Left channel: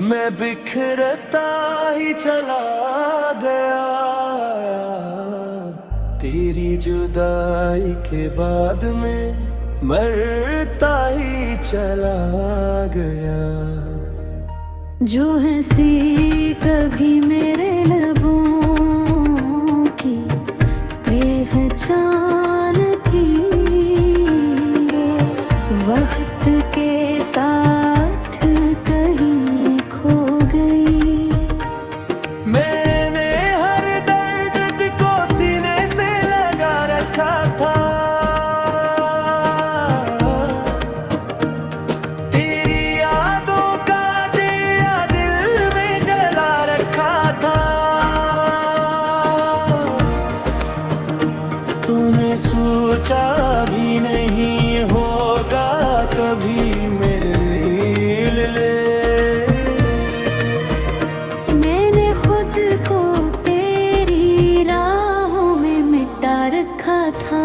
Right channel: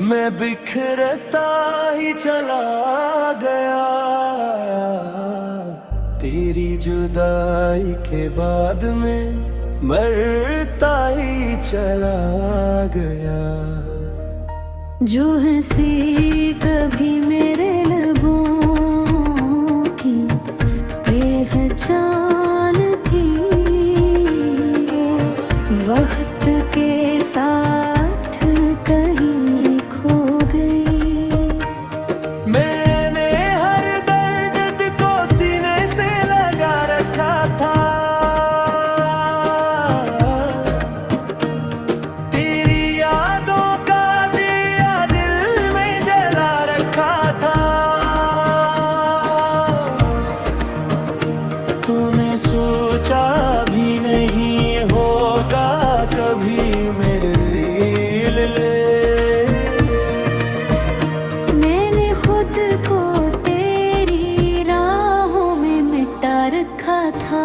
मैं बिखरता ही चला गया, तेरी जुदाई के बाद में मरता ही चला गया। जो हंसी कभी मेरे लबों की पहचान थी, वक्त के साथ कहीं खो गई। मैंने हर दर्द को सीने से लगा रखा था, तेरी यादों का दिया दिल में जला रखा था। तूने सोचा भी नहीं होगा कभी मेरे दिल ले। मैंने खुद को तेरी राहों में मिटा रखा था।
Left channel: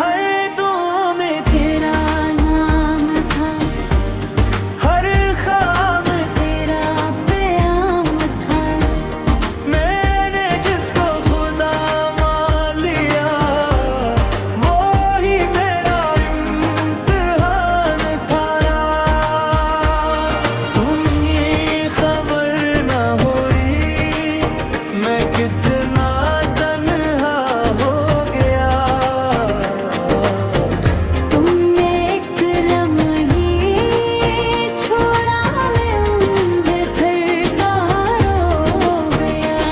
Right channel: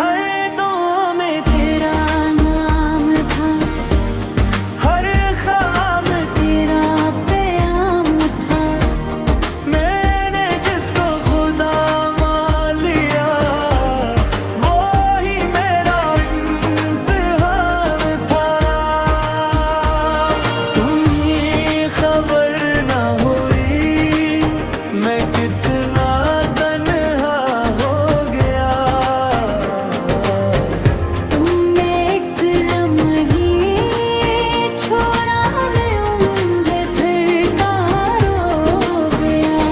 हर दुआ में तेरा नाम था, हर ख्वाब में तेरा प्याम था। मैंने जिसको खुदा मान लिया, वो ही मेरा इम्तिहान था। तुम्हें खबर ना हुई मैं कितना तन्हा हो गया। तुमने एक लम्हे छोड़ा, मैं उम्र भर का रो गया।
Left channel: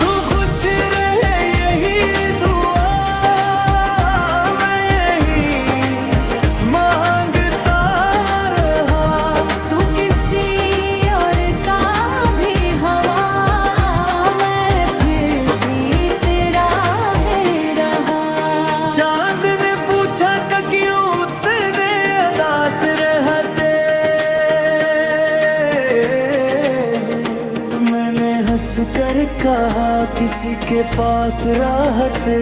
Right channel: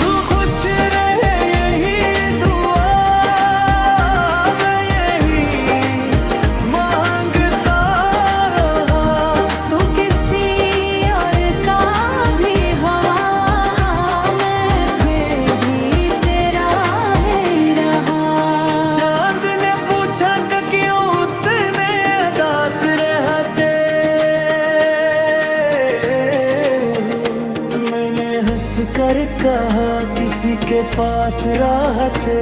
तू खुश रहे यही दुआ मैं यही मांगता रहा। तू किसी और का भी हवा, मैं फिर भी तेरा ही रहा। चांद ने पूछा कि क्यों उतने उदास रहते, मैंने हंस कर कहा किसी के पास रहते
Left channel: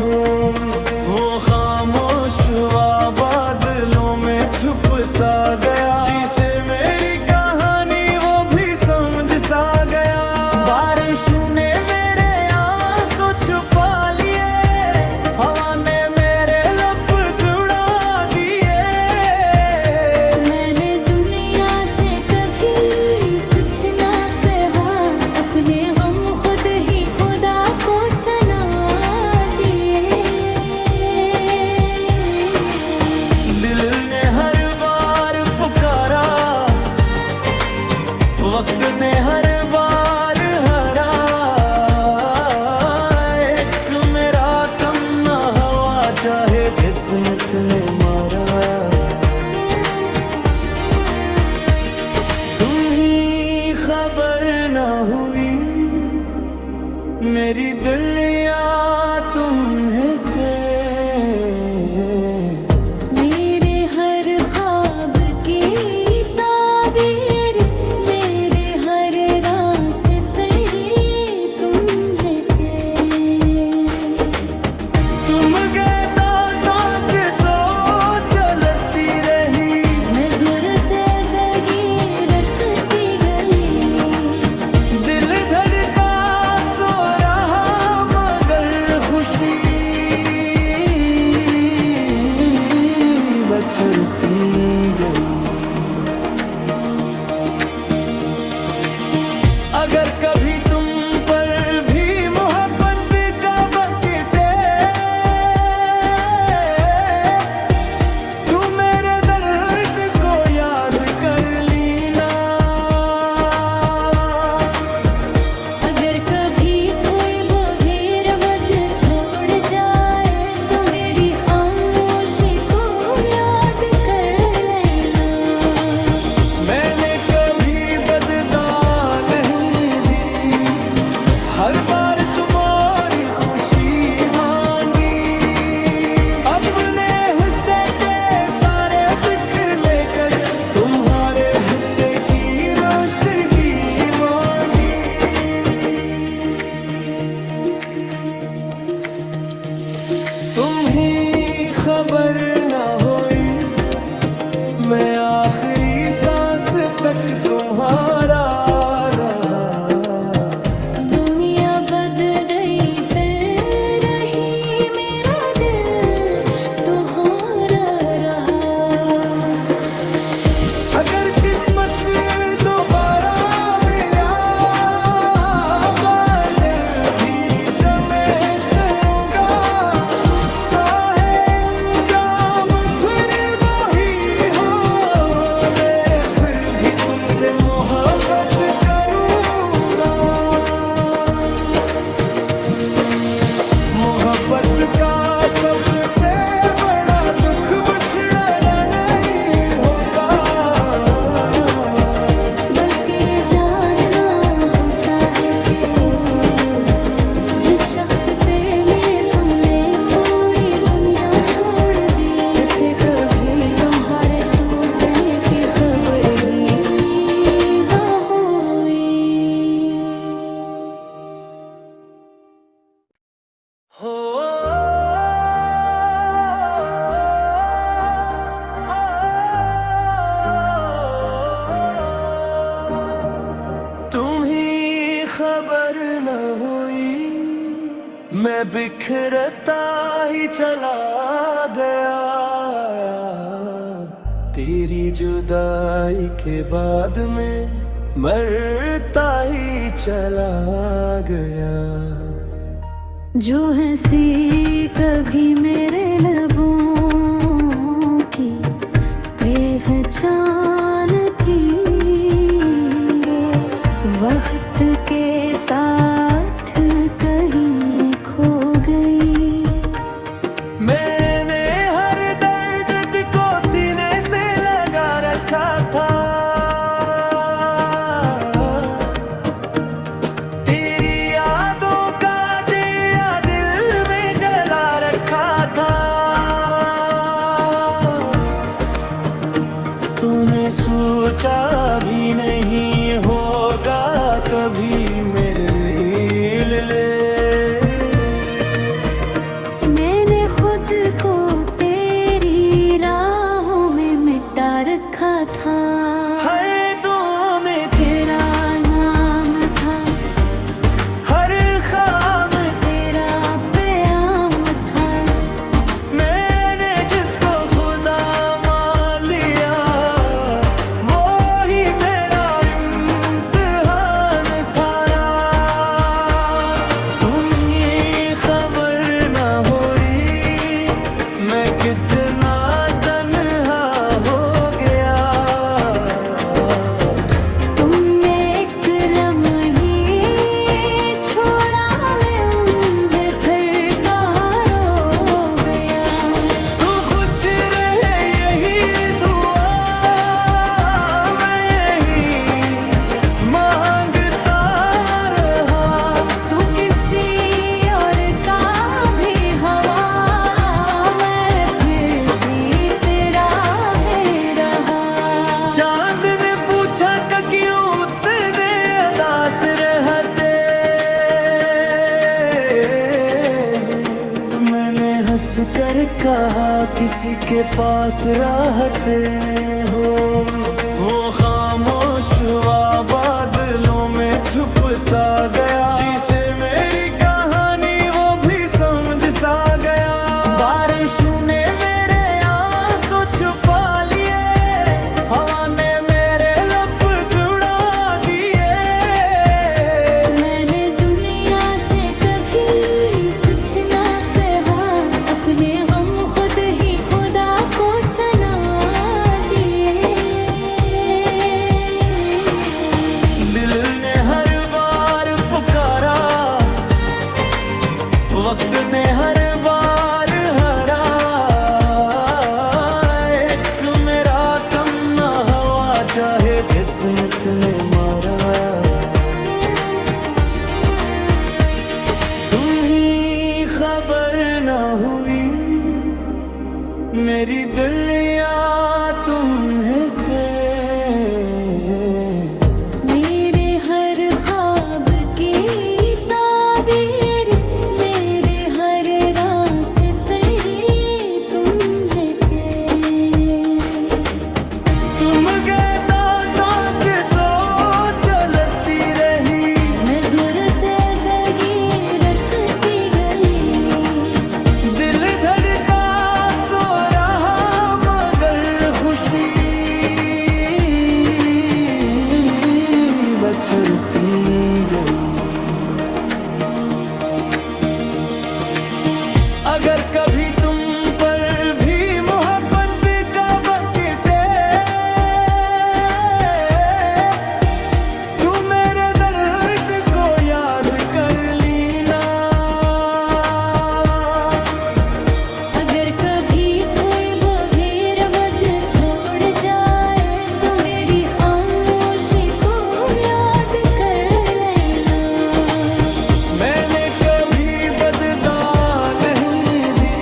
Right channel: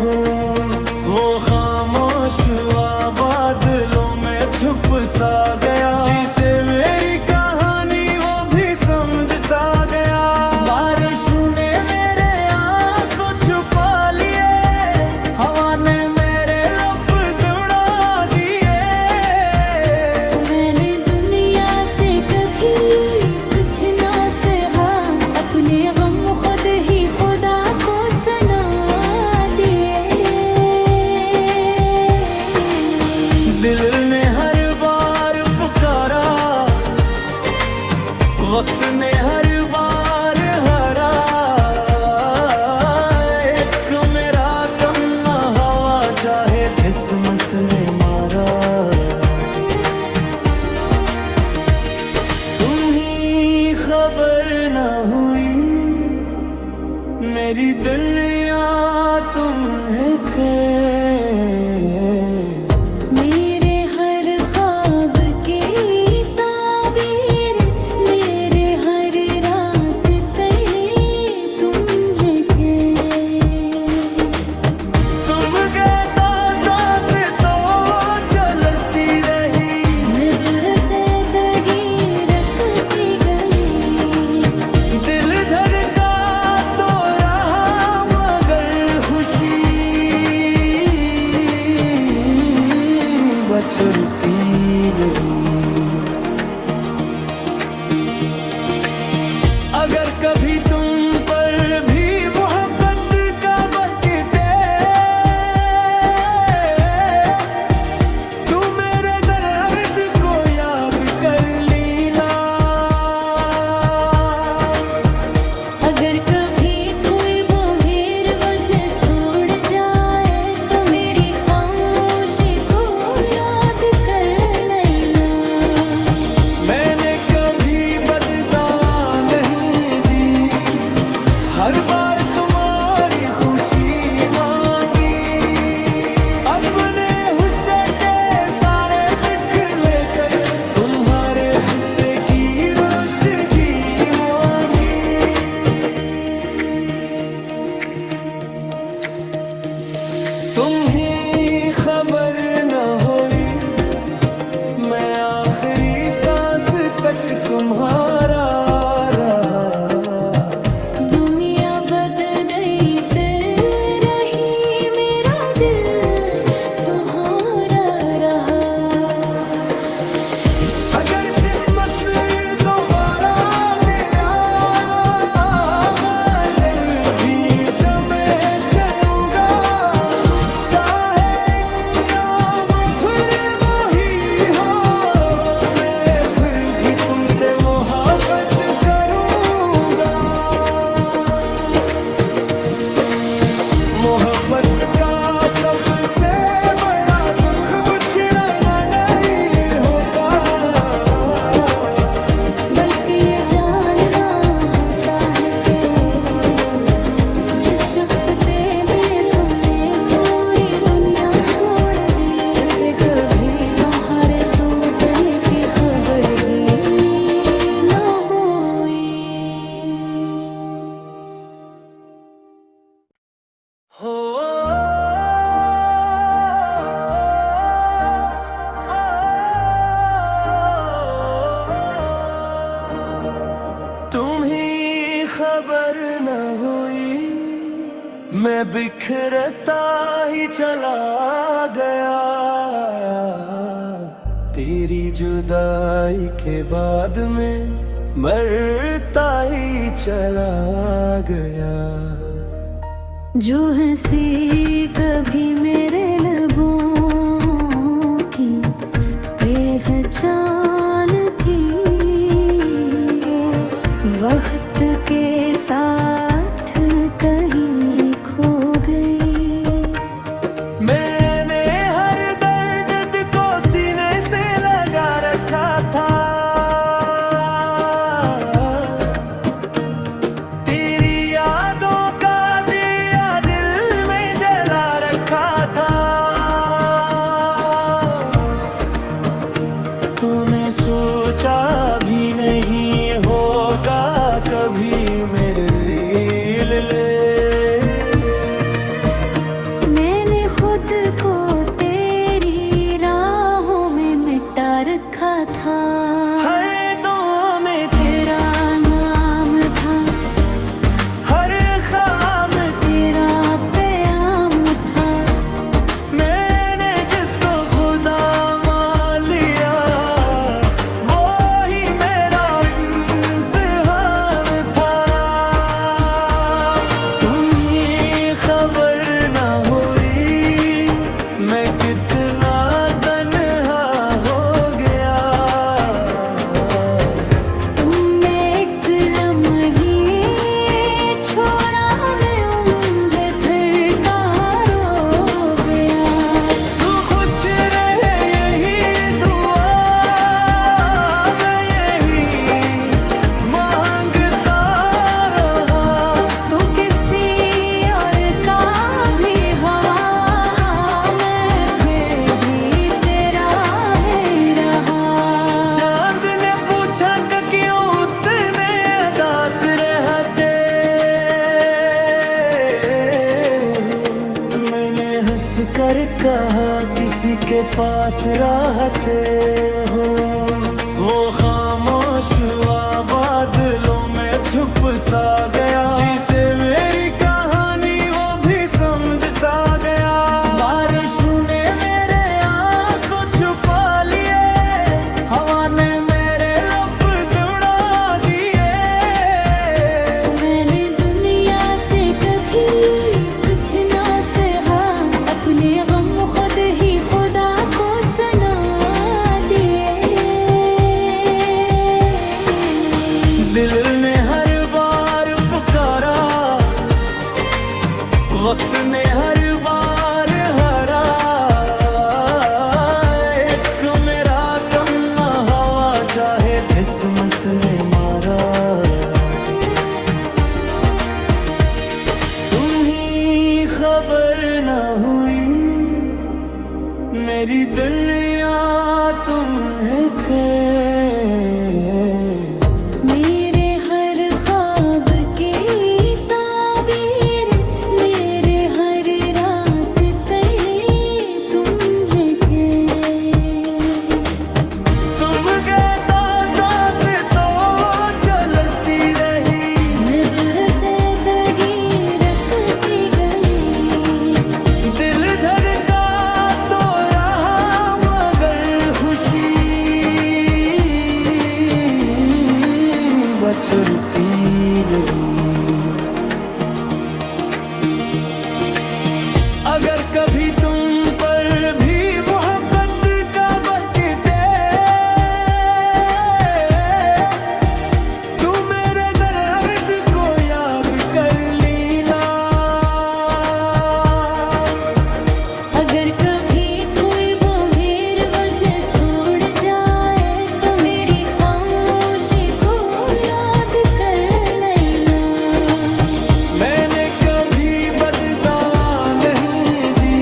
हो। वो खामोश हुआ बादलों में छुप सा गया, जिसे मेरी कहानी वो भी समझ सा गया। बारिशों ने मेरे आंसू छुपा लिए, हवा ने मेरे लफ्ज उड़ा दिए। मैंने दुनिया से कभी कुछ ना कहा, अपने गम खुद ही खुदा को सुना दिए। दिल ने हर बार पुकारा, वक्त ने हर बार हरा। इश्क मेरा कम ना हवा चाहे किस्मत ने मारा। तुम्ही खबर ना हुई मेरी दुनिया तुम्हें थे। मेरे हर ख्वाब की ताबीर, मेरे हर रास्ते तुम्हें के। तुम गए तो सांस तो चलती रही, मैं दूर से दगी रख सी गई। दिल धड़का तो रहा मगर खुशी बछड़ सी गई। अगर कभी तुम पर भी मोहब्बत का वक्त दे, तू मेरे दर्द को याद कर लेना। अगर कभी कोई बगैर वजह छोड़ जाए, तो मेरी खामोशी को याद कर लेना। मैंने कभी बददा नहीं दी, हर तुम्हारा रहा। दुनिया बदली पे रही, मेरा दिल तुम्हारा रहा। अगर किस्मत दोबारा मिला, बदल भी तो मैं चलूंगा। चाहे अंजाम फिर वही हो, मैं फिर भी तुमसे मोहब्बत करूंगा। मोहब्बत का सबसे बड़ा दुख बिछड़ना नहीं होता, बल्कि ये जानना होता है कि जिस शख्स के लिए तुमने पूरी दुनिया छोड़ दी, ऐसे कभी तुम्हारे टूटने की खबर ही न हुई। हो तुम्हें खबर न हुई, मैं बिखरता ही चला गया। तेरी जुदाई के बाद में मरता ही चला गया। जो हंसी कभी मेरे लबों की पहचान थी, वक्त के साथ कहीं खो गई। मैंने हर दर्द को सीने से लगा रखा था, तेरी यादों का दिया दिल में जला रखा था। तूने सोचा भी नहीं होगा कभी मेरे दिल ले। मैंने खुद को तेरी राहों में मिटा रखा था। हर दुआ में तेरा नाम था, हर ख्वाब तेरा प्याम था। मैंने जिसको खुदा मान लिया, वो ही मेरा इम्तिहान था। तुम्हें खबर न हुई, मैं कितना तन्हा हो गया। तुमने एक लम्हे छोड़ा, मैं उम्र भर का रो गया। तू खुश रहे यही दुआ, मैं यही मांगता रहा। तू किसी और का भी हवा, मैं फिर भी तेरा है रहा। चांद ने पूछा कि क्यों उतने उदास रहते, मैंने हंस कर कहा किसी के पास रहते हो। वो खामोश हुआ, बादलों में छुप सा गया। जिसे मेरी कहानी वो भी समझ सा गया। बारिशों ने मेरे आंसू छुपा लिए, हवा ने मेरे लफ्ज उड़ा दिए। मैंने दुनिया से कभी कुछ ना कहा, अपने गम खुद ही खुदा को सुना दिए। दिल ने हर बार पुकारा, वक्त ने हर बार हरा। इश्क मेरा कम ना हवा, चाहे किस्मत ने मारा। तुम्हें खबर न हुई, मेरी दुनिया तुम्हें थे। मेरे हर ख्वाब की ताबीर, मेरे हर रास्ते तुम्हें के। तुम गए तो सांस तो चुरसी गई। अगर कभी तुम पर भी मोहब्बत का वक्त दे, तू मेरे दर्द को याद कर लेना। अगर कभी कोई बगैर वजह छोड़ जाए तो मेरी खामोशी को याद कर लेना। मैंने कभी बददा नहीं दी,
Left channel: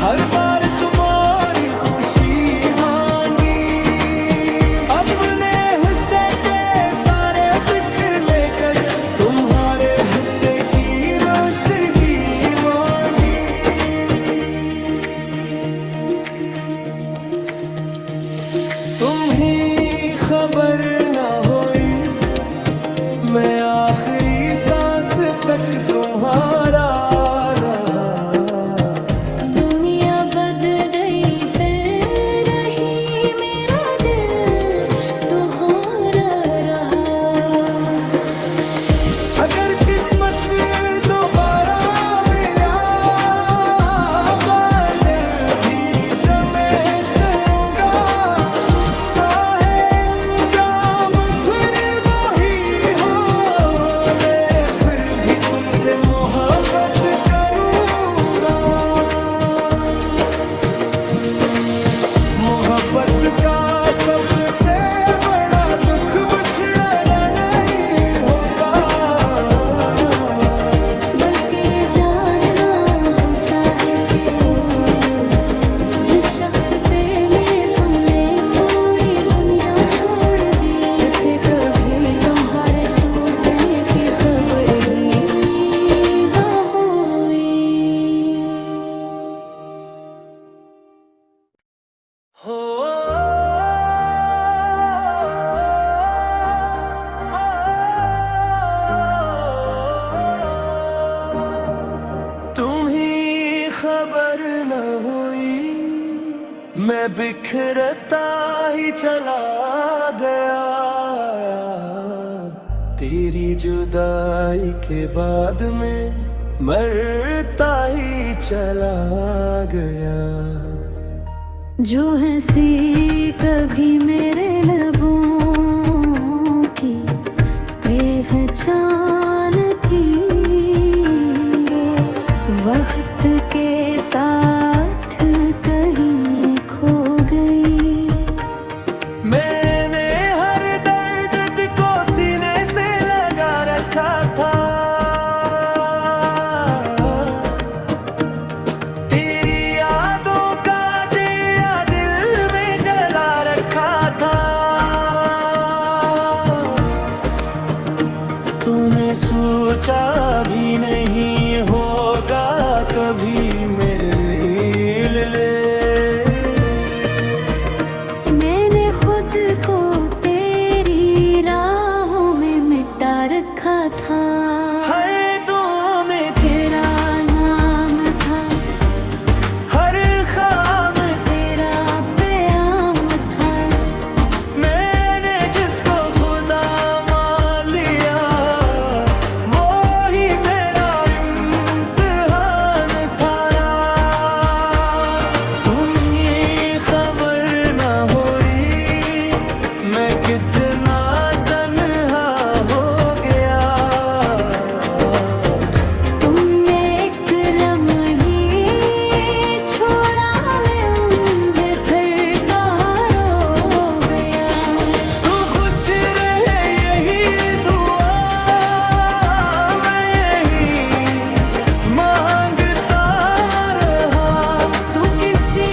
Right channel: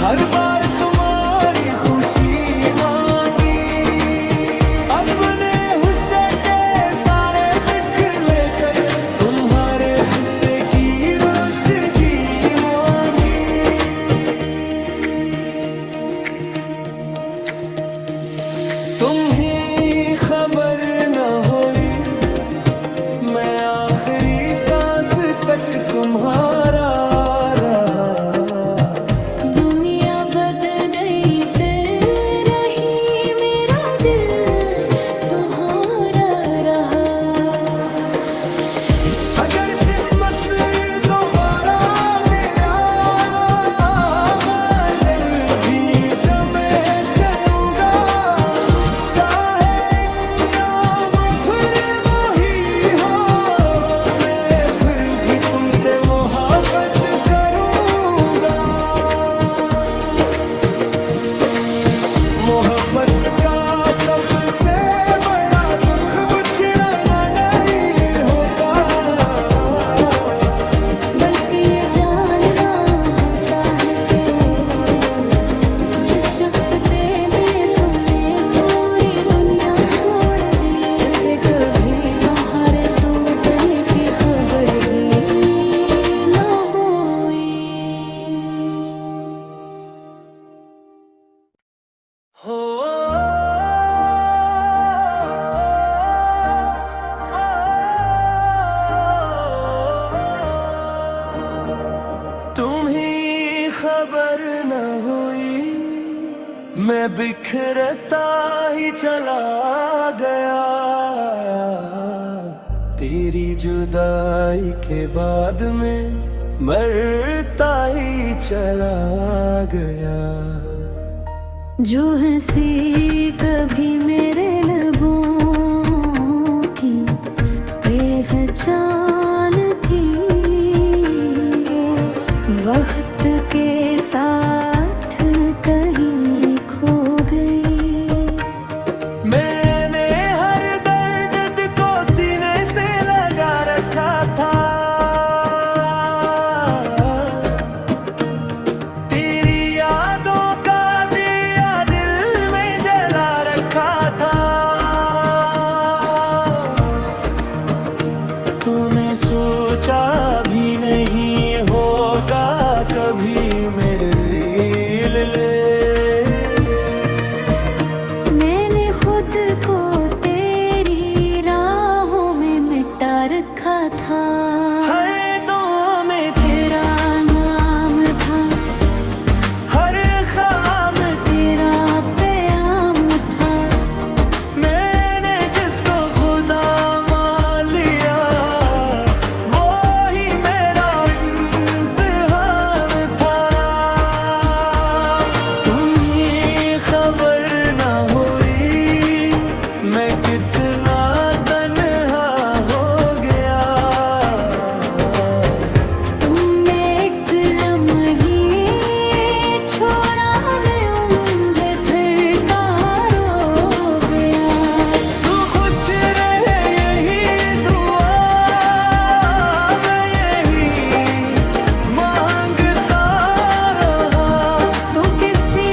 हर बार तुम्हारी खुशी मांगी। अपने हुस्से के सारे दुख लेकर तुम्हारे हंसे की रोशनी मांगी। तुम ही खबर न होई, मैं आखिरी सांस तक तुम्हारा रहा। दुनिया बदली पे रही, मेरा दिल तुम्हारा रहा। अगर किस्मत दोबारा मिला, बदल भी तो मैं चलूंगा। चाहे अंजाम फिर वही हो, मैं फिर भी तुमसे मोहब्बत करूंगा। मोहब्बत का सबसे बड़ा दुख बिछड़ना नहीं होता, बल्कि ये जानना होता है कि जिस शख्स के लिए तुमने पूरी दुनिया छोड़ दी, ऐसे कभी तुम्हारे टूटने की खबर ही ना हुई। हो तुम ही खबर न हुई, मैं बिखरता ही चला गया। तेरी जुदाई के बाद में मरता ही चला गया। जो हंसी कभी मेरे लबों की पहचान थी, वक्त के साथ कहीं खो गई। मैंने हर दर्द को सीने से लगा रखा था, तेरी यादों का दिया दिल में जला रखा था। तूने सोचा भी नहीं होगा कभी मेरे दिल ले। मैंने खुद को तेरी राहों में मिटा रखा था। हर दुआ में तेरा नाम था, हर ख्वाब तेरा प्याम था। मैंने जिसको खुदा मान लिया, वो ही मेरा इम्तिहान था। तुम्हें खबर न हुई, मैं कितना तन्हा हो गया। तुमने एक लम्हे छोड़ा, मैं उम्र भर का रो गया। तू खुश रहे यही दुआ, मैं यही मांगता रहा। तू किसी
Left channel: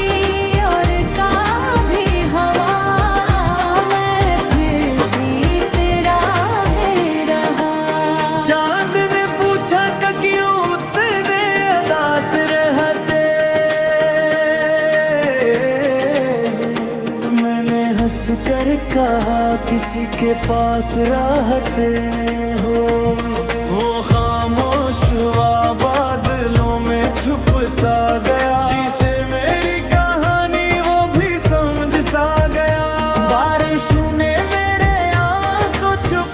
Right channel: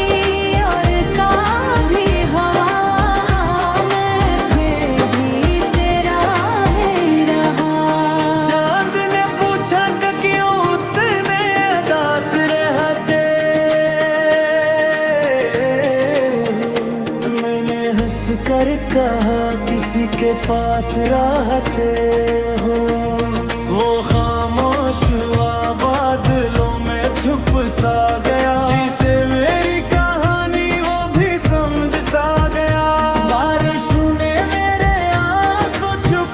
और का भी हवा, मैं फिर भी तेरा है रहा। चांद ने पूछा कि क्यों उतने उदास रहते, मैंने हंस कर कहा किसी के पास रहते हो। वो खामोश हुआ, बादलों में छुप सा गया। जिसे मेरी कहानी वो भी समझ सा गया। बारिशों ने मेरे आंसू छुप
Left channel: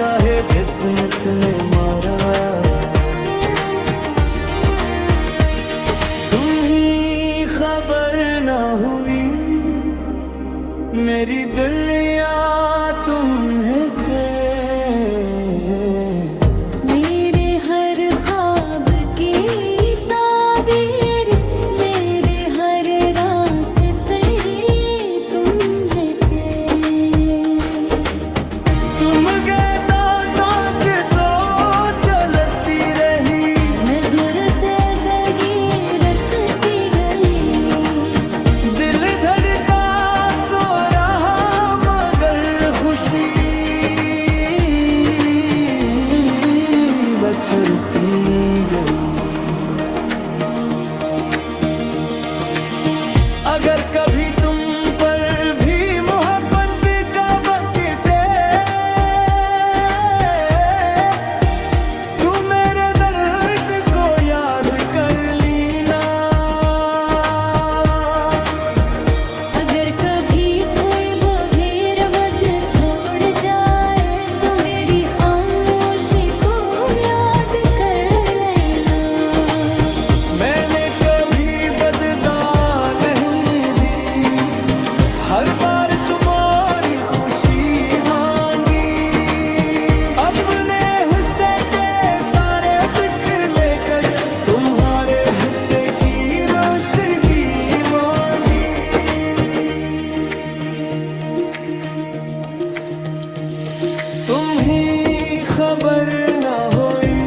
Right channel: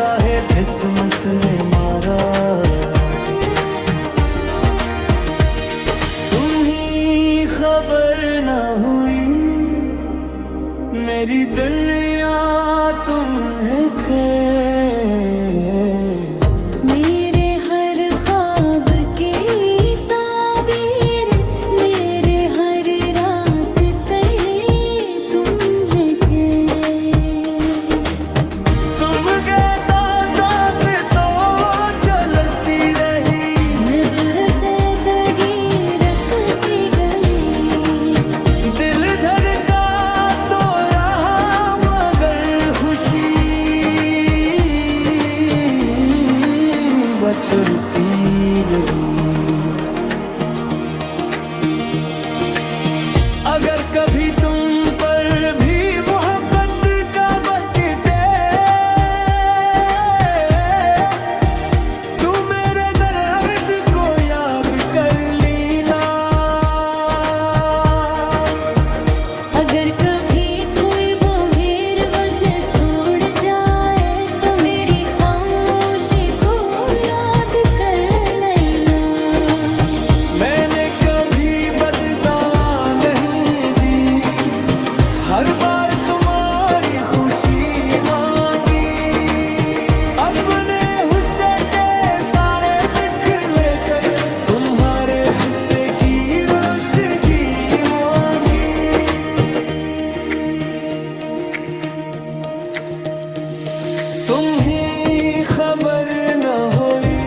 चाहे किस्मत ने मारा। तुम्ही खबर न हुई मेरी दुनिया तुम्हें थे। मेरे हर ख्वाब की ताबीर, मेरे हर रास्ते तुम्हें के। तुम गए तो सांस तो चलती रही, मैं दूर से दगी रख सी गई। दिल धड़का तो रहा मगर खुशी बछड़ सी गई। अगर कभी तुम पर भी मोहब्बत का वक्त दे, तू मेरे दर्द को याद कर लेना। अगर कभी कोई बगैर वजह छोड़ जाए तो मेरी खामोशी को याद कर लेना। मैंने कभी बददा नहीं दी, हर बार तुम्हारी खुशी मांगी। अपने हुस्से के सारे दुख लेकर तुम्हारे हंसे की रोशनी मांगी। तुम ही खबर न होई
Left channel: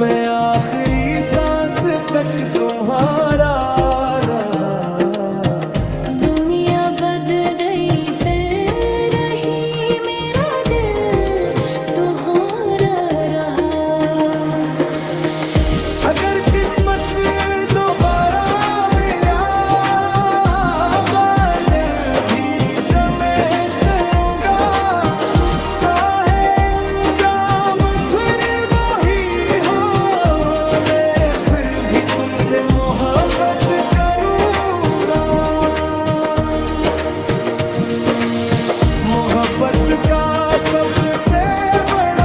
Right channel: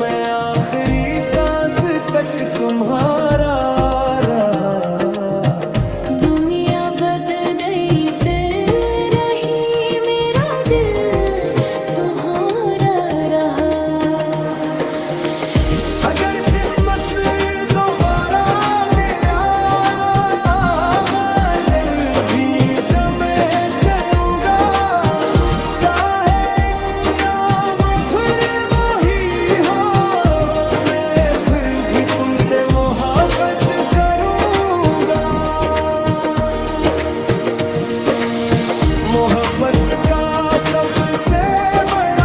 मैं आखिरी सांस तक तुम्हारा रहा। दुनिया बदलते रही, मेरा दिल तुम्हारा रहा। अगर किस्मत दोबारा मिला बदल भी तो मैं चलूंगा। चाहे अंजाम फिर वही हो, मैं फिर भी तुमसे मोहब्बत करूंगा। मोहब्बत का सबसे बड़ा